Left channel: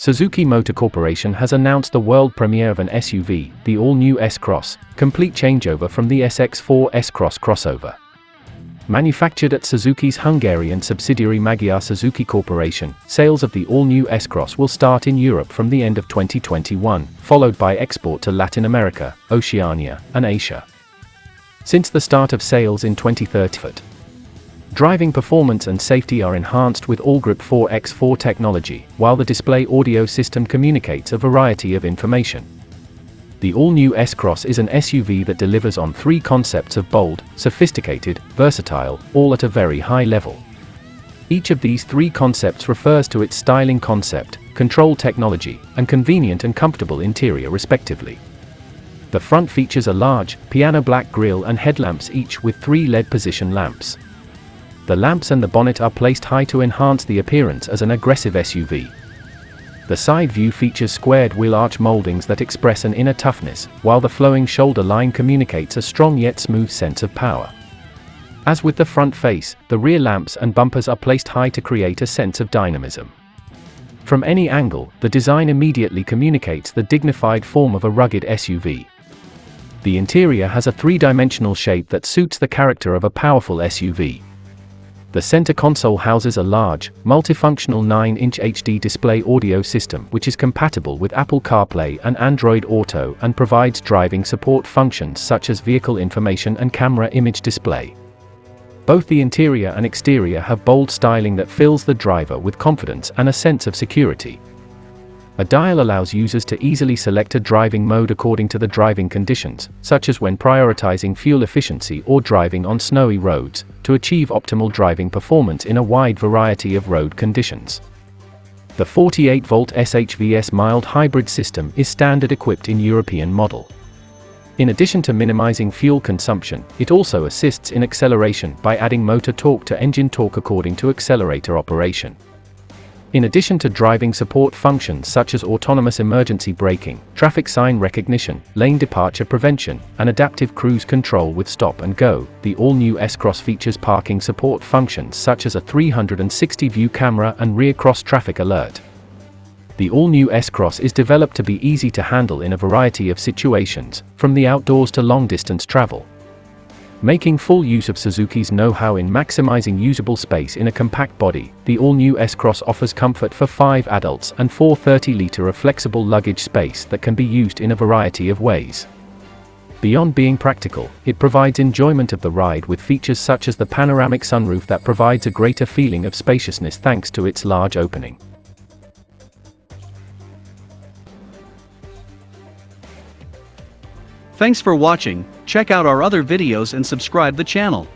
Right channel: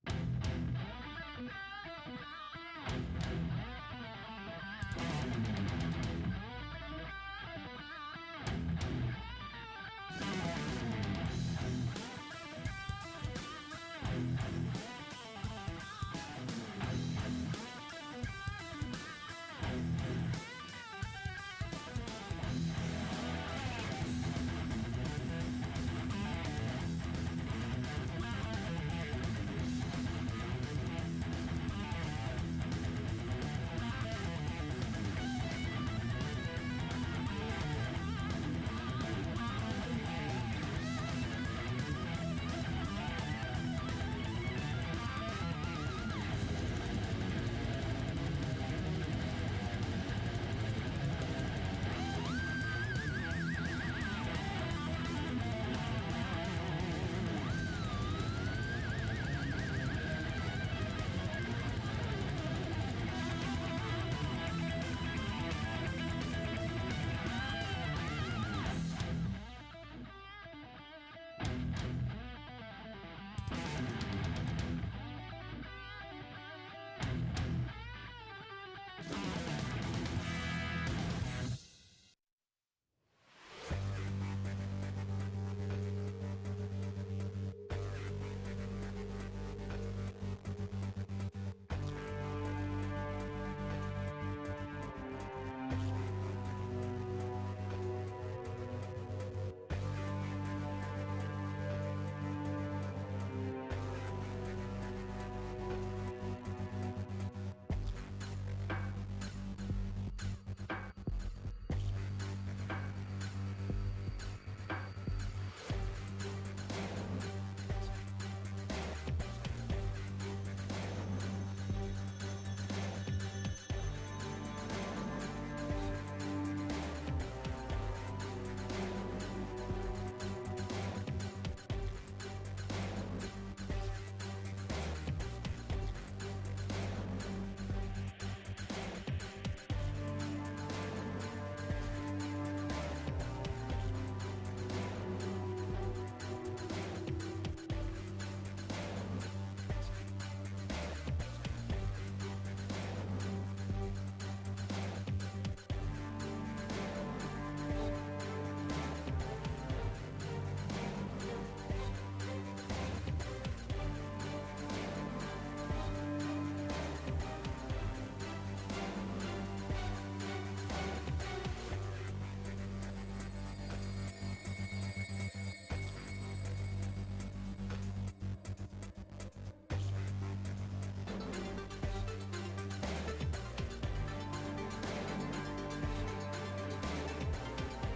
Suzuki Motor Corporation has announced the world premiere of an SUV, the all-new S-CROSS, complete changeover from the SX4 S-CROSS crossover. Manufactured at Suzuki's Hungarian subsidiary Magyar Suzuki Corporation, sales of the all-new S-CROSS will start in Europe from the end of 2021, followed by export to Latin America, Oceania, and Asia. Since the start of sales in 2013, driving performance and safety are enhanced with all-grip 4x4 technology, while the display audio system communicates a variety of information. The all-new S-CROSS is an SUV that delivers on three concepts of bold, sophisticated, versatile, all at a very high level. Each of these three concepts refers to its styling concept, control technology, and convenient and comfortable interior respectively. The front features a large, piano black grille and headlamps, each with 3 LED position lamps. The lamps and the bonnet are placed high to enhance the appearance as an aggressive SUV. The side view features squared wheel arch mouldings that express an inner toughness, while the flowing shoulder line communicates a strong yet smooth sense of power. As with the front face, the rear lamps and bumpers are placed high to create a sense of dynamism. From any angle, the design immediately communicates the dignified form of a rugged SUV. The interior has a 3-dimensional shape that suits the character of a powerful SUV. The center console houses a large, multifunctional 9-inch HD display audio system which is compatible with Apple CarPlay and Android Auto and provides driving support functions such as vehicle information and camera image display. Both the interior and exterior have bold styling that fills the driver with confidence and a sense of security. A dial allows users to easily select a driving mode according to the driving conditions, such as when prioritizing fuel efficiency or driving on snowy roads, to achieve optimal driving performance in a wide variety of road conditions. The 48-volt SHVS mild hybrid system is standard equipped in European model. In addition to minimizing fuel consumption, it also assists in acceleration by adding motor torque to engine torque according to accelerator operation. In addition to driving support functions such as autonomous emergency braking, traffic sign recognition, lane departure prevention, and adaptive cruise control with stop and go, the all-new S-CROSS features parking support functions such as a 360-view camera and rear cross-traffic alert. The all-new S-CROSS is developed to be easy to handle in a variety of situations, from the outdoors to long-distance travel. Making full use of Suzuki's know-how in maximizing usable space in a compact body, the all-new S-CROSS offers comfort for 5 adults and 4 30-liter of flexible luggage space that can be used in a variety of ways. Beyond being practical, it provides enjoyment of the ride with features such as the panoramic sunroof that provides a greater feeling of spaciousness thanks to its large opening. Thanks for watching. Check out our other videos and subscribe the channel.